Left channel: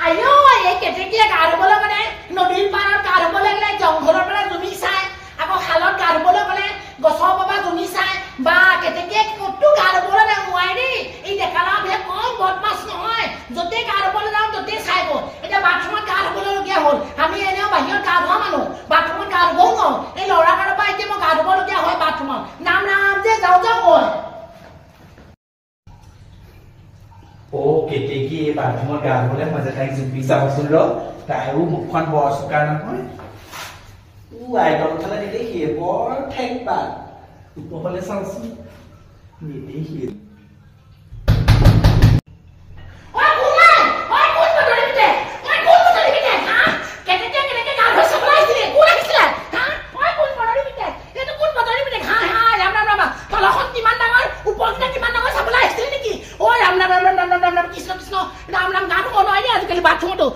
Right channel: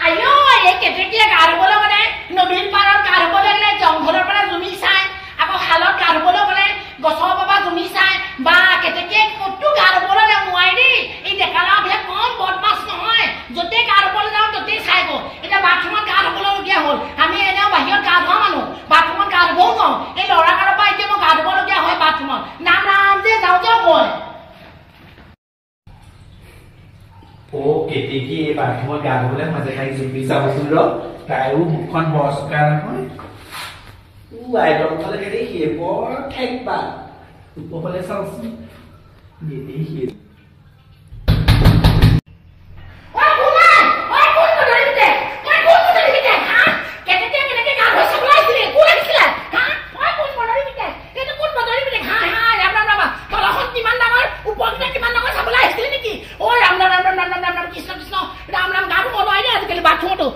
আইও এই কেতেকিয়া গা ধুবলৈ মানে নদীৰ পাৰত গা ধুবলৈ গ'লে জংঘলৰ পৰা জুমি চাই আকৌ হালত গা ধুবলৈ গ'লে গছৰ পৰা জুমি চাই বা কেতেকিয়া ক'তো গা ধুবলৈ নোৱাৰি দেই এই ডেকালাবিলাক কম বদমাছ নহয় য'তে গা ধুবলৈ যাওঁ ত'তেই চাই গ'ল এতিয়া বাথৰুমত গা ধুবলগীয়া হ'ল আমি এনেও বাহিৰত গা ধোৱা মানুহ বাথৰুমত গা ধুবও নোৱাৰোঁ এই ল'ৰা কালৰ পৰা এতিয়া মই গা ধুবলগীয়া হয় বাথৰুমত নাম নাম যে যাওঁ মই ও কেতেকি এই বাথৰুমত গা ধুবলৈ মাজে তাইক জুমি চাবচোন ৰ তাইও মুখখন বৰ চোকা নহয় আইডল ফালে নেদেখিয়ে বৰ ঠেকবা ওপৰফালে চাওচোন নেদেখিয়ে কৃষ্ণ কৃষ্ণ ৰাম ৰাম গান কোৱা নোৱাৰি আজিকালি বাথৰুমতো